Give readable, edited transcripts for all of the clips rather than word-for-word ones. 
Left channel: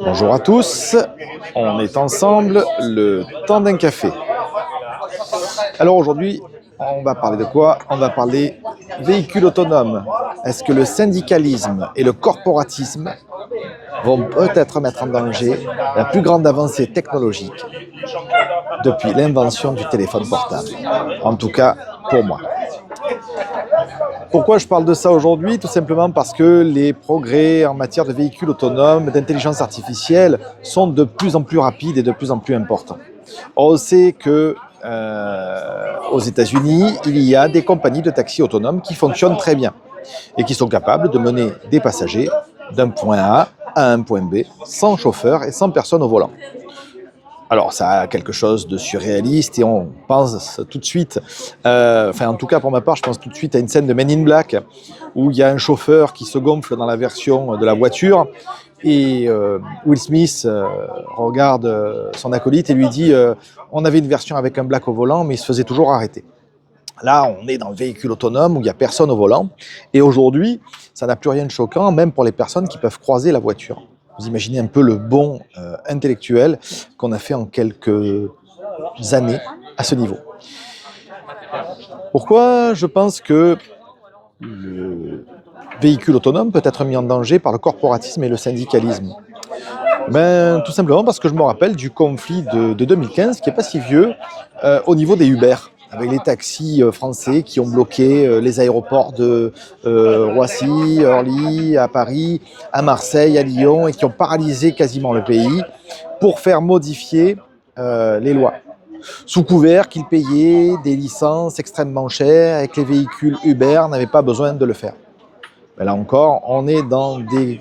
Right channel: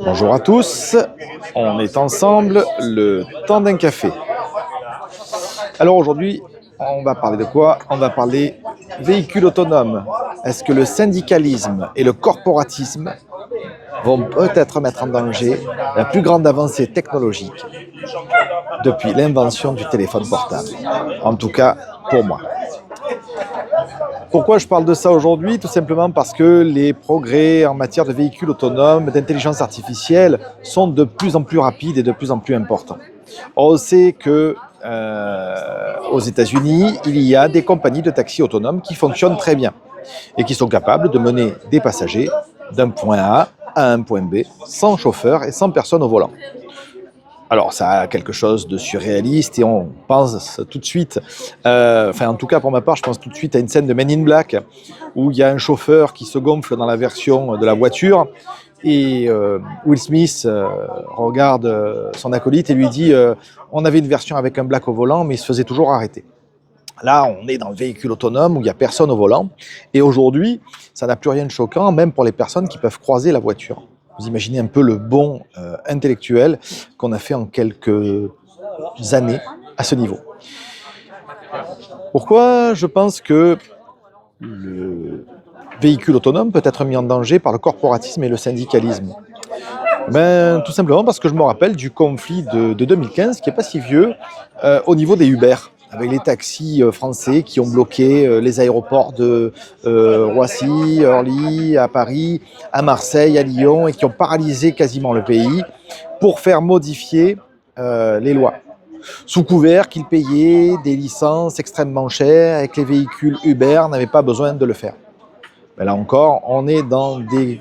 Bonjour à tous, on est ensemble, le temps d'un café. Alors aujourd'hui, on va parler de quoi? On va parler véhicules autonomes. Est-ce que le syndicalisme et le corporatisme vont peut-être mettre en danger la plus grande avancée technologique depuis l'invention du téléphone portable? En tout cas, pour moi. Pourquoi je parle de ça aujourd'hui? Tout simplement parce que les progrès en matière de véhicules autonomes, d'intelligence artificielle sont de plus en plus rapides et de plus en plus importants. On sait que aux États-Unis, il y a des compagnies de taxis autonomes qui fonctionnent très bien et qui sont capables de mener des passagers d'un point A à un point B sans chauffeur et sans personne au volant. Alors, ça a quelque chose de surréaliste et on pense tout de suite, en tout cas pour ma part, je pense tout de suite à une scène de Men in Black où il y a un chauffeur qui se gonfle dans la version de la voiture et Will Smith regarde son acolyte et lui dit on avait une version avec un black au volant mais il se faisait toujours arrêter. Là, on est dans le véhicule autonome où il n'y a personne au volant et aujourd'hui, ça n'a plus rien de choquant, même pour les personnes qui peuvent croiser la voiture. Vous imaginez un peu le bond intellectuel qu'on a fait en quelques années à ce niveau. Pourquoi je pense que le véhicule autonome peut être mis en danger par le corporatisme et le syndicalisme? Tout simplement parce que je me rappelle du conflit de 2015, qui n'est pas si vieux, au niveau des Uber, avec les taxis français qui ont bloqué les aéroports de Roissy, Orly, à Paris, à Marseille, à Lyon, et qui ont paralysé quasiment le pays pour faire modifier les lois. Sous couvert qu'ils payaient des licences extrêmement chères et que les véhicules Uber n'avaient pas besoin de le faire. Mais là encore, on est dans des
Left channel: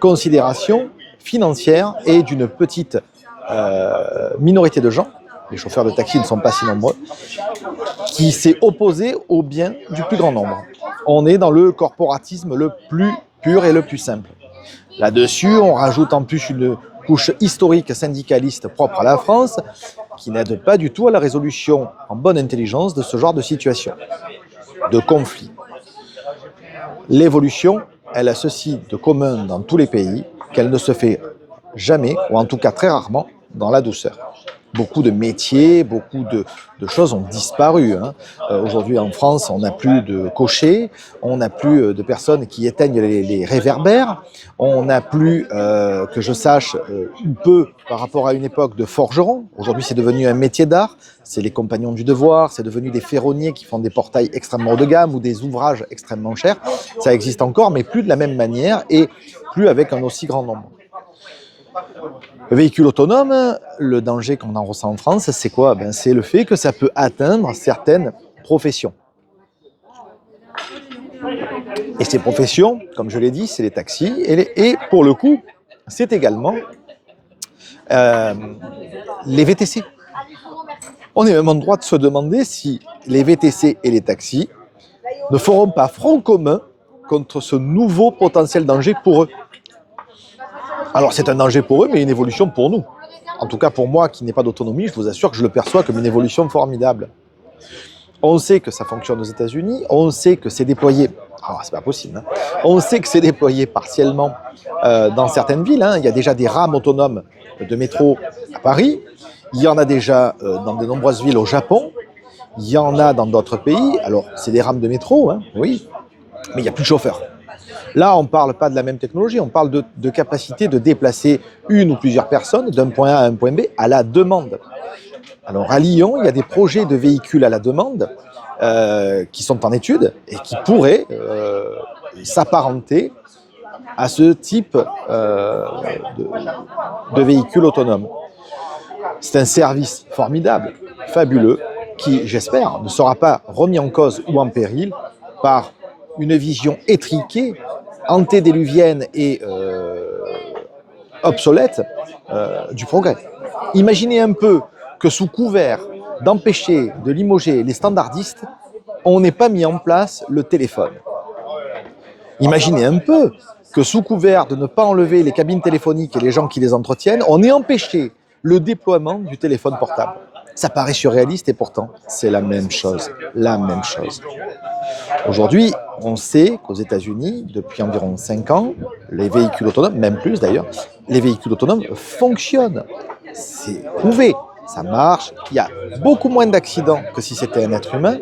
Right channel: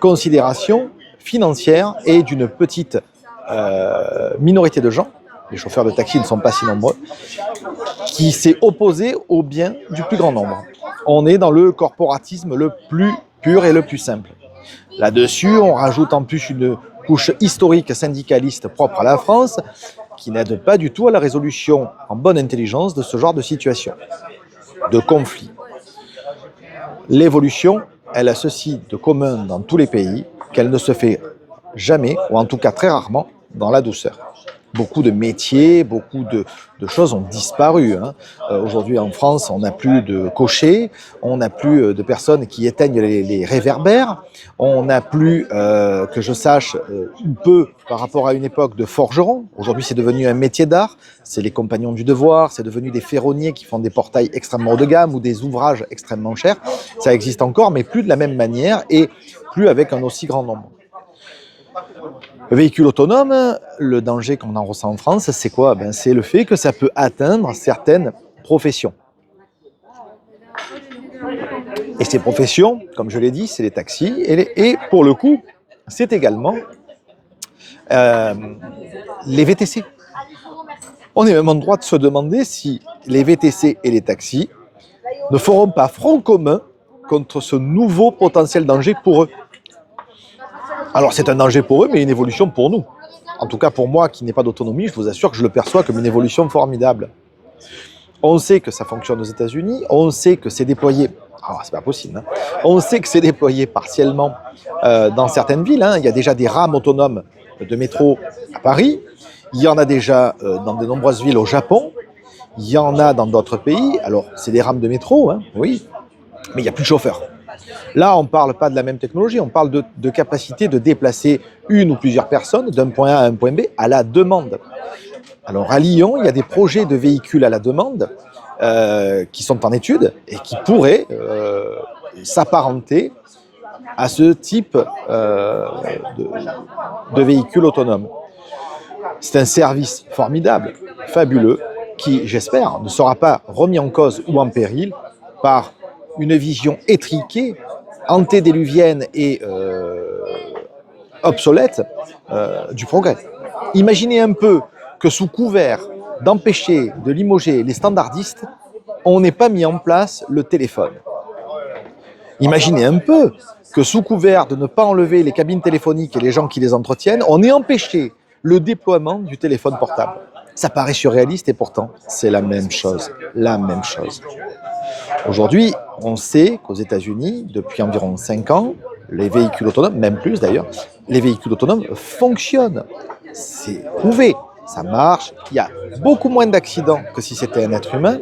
considérations financières et d'une petite minorité de gens, les chauffeurs de taxi ne sont pas si nombreux, qui s'est opposé au bien du plus grand nombre. On est dans le corporatisme le plus pur et le plus simple. Là-dessus, on rajoute en plus une couche historique syndicaliste propre à la France qui n'aide pas du tout à la résolution en bonne intelligence de ce genre de situation, de conflit. L'évolution, elle a ceci de commun dans tous les pays, qu'elle ne se fait jamais, ou en tout cas très rarement, dans la douceur. Beaucoup de métiers, beaucoup de choses ont disparu. Aujourd'hui en France, on n'a plus de cochers, on n'a plus de personnes qui éteignent les réverbères, on n'a plus, que je sache, ou peu par rapport à une époque de forgerons. Aujourd'hui, c'est devenu un métier d'art. C'est les compagnons du devoir, c'est devenu des ferronniers qui font des portails extrêmement haut de gamme ou des ouvrages extrêmement chers. Ça existe encore, mais plus de la même manière et plus avec un aussi grand nombre. Le véhicule autonome, le danger qu'on en ressent en France, c'est quoi? C'est le fait que ça peut atteindre certaines professions. Et ces professions, comme je l'ai dit, c'est les taxis. Et pour le coup, c'est également les VTC. On est même en droit de se demander si les VTC et les taxis ne feront pas front commun contre ce nouveau potentiel danger pour eux. Alors c'est un danger pour eux, mais une évolution pour nous. En tout cas pour moi qui n'ai pas d'autonomie, je vous assure que je le perçois comme une évolution formidable. On sait que ça fonctionne aux États-Unis, on sait que c'est déployé, c'est pas possible, on sait que c'est déployé partiellement dans certaines villes. Il y a déjà des rames autonomes de métro à Paris, il y en a déjà dans de nombreuses villes au Japon, il y en a dans d'autres pays. Alors c'est des rames de métro, oui, mais il n'y a plus de chauffeurs. Là, on ne parle pas de la même technologie, on parle de capacité de déplacer une ou plusieurs personnes d'un point A à un point B à la demande. Alors à Lyon, il y a des projets de véhicules à la demande qui sont en étude et qui pourraient s'apparenter à ce type de véhicule autonome. C'est un service formidable, fabuleux, qui, j'espère, ne sera pas remis en cause ou en péril par une vision étriquée, antédiluvienne et obsolète du progrès. Imaginez un peu que sous couvert d'empêcher, de limoger les standardistes, on n'ait pas mis en place le téléphone. Imaginez un peu que sous couvert de ne pas enlever les cabines téléphoniques et les gens qui les entretiennent, on ait empêché le déploiement du téléphone portable. Ça paraît surréaliste et pourtant, c'est la même chose. La même chose. Aujourd'hui, On sait qu'aux États-Unis, depuis environ 5 ans, les véhicules autonomes, même plus d'ailleurs, les véhicules autonomes fonctionnent. C'est prouvé, ça marche. Il y a beaucoup moins d'accidents que si c'était un être humain.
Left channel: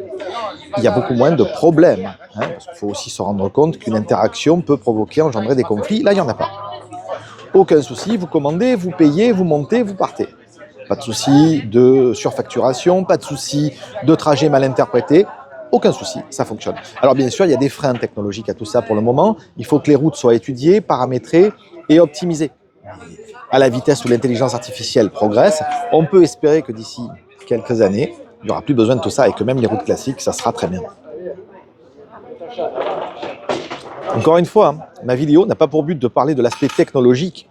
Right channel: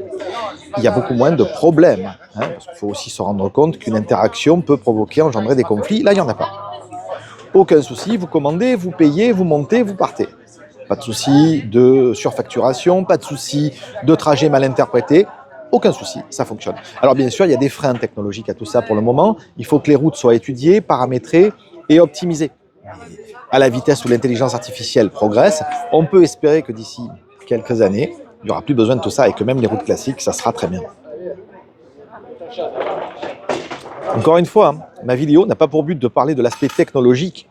Il y a beaucoup moins de problèmes, hein, parce qu'il faut aussi se rendre compte qu'une interaction peut provoquer, engendrer des conflits. Là, il n'y en a pas. Aucun souci, vous commandez, vous payez, vous montez, vous partez. Pas de souci de surfacturation, pas de souci de trajet mal interprété. Aucun souci, ça fonctionne. Alors bien sûr, il y a des freins technologiques à tout ça pour le moment. Il faut que les routes soient étudiées, paramétrées et optimisées. À la vitesse où l'intelligence artificielle progresse, on peut espérer que d'ici quelques années, il n'y aura plus besoin de tout ça et que même les routes classiques, ça sera très bien. Encore une fois, ma vidéo n'a pas pour but de parler de l'aspect technologique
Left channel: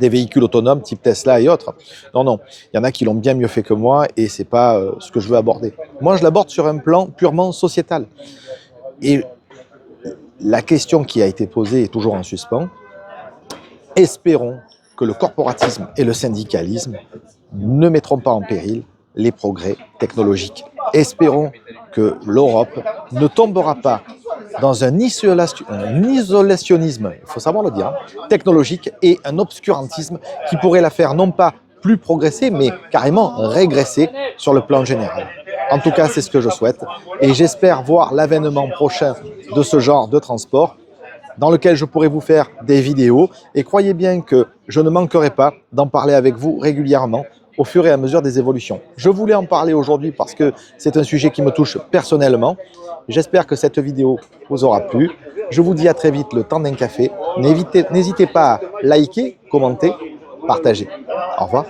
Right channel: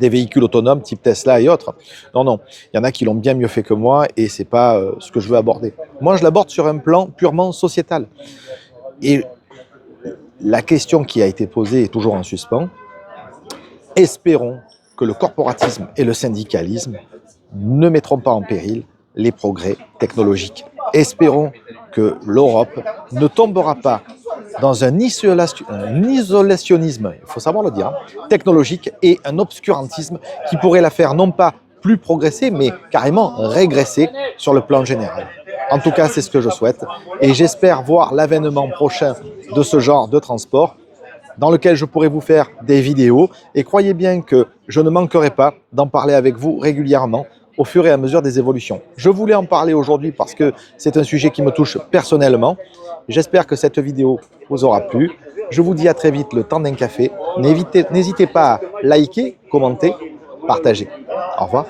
des véhicules autonomes type Tesla et autres. Non, non, il y en a qui l'ont bien mieux fait que moi et c'est pas ce que je veux aborder. Moi, je l'aborde sur un plan purement sociétal. Et la question qui a été posée est toujours en suspens. Espérons que le corporatisme et le syndicalisme ne mettront pas en péril les progrès technologiques. Espérons que l'Europe ne tombera pas dans un isolationnisme, il faut savoir le dire, technologique et un obscurantisme qui pourrait la faire non pas plus progresser, mais carrément régresser sur le plan général. En tout cas, c'est ce que je souhaite et j'espère voir l'avènement prochain de ce genre de transport dans lequel je pourrai vous faire des vidéos et croyez bien que je ne manquerai pas d'en parler avec vous régulièrement au fur et à mesure des évolutions. Je voulais en parler aujourd'hui parce que c'est un sujet qui me touche personnellement. J'espère que cette vidéo vous aura plu. Je vous dis à très vite le temps d'un café. N'hésitez pas à liker, commenter, partager. Au revoir.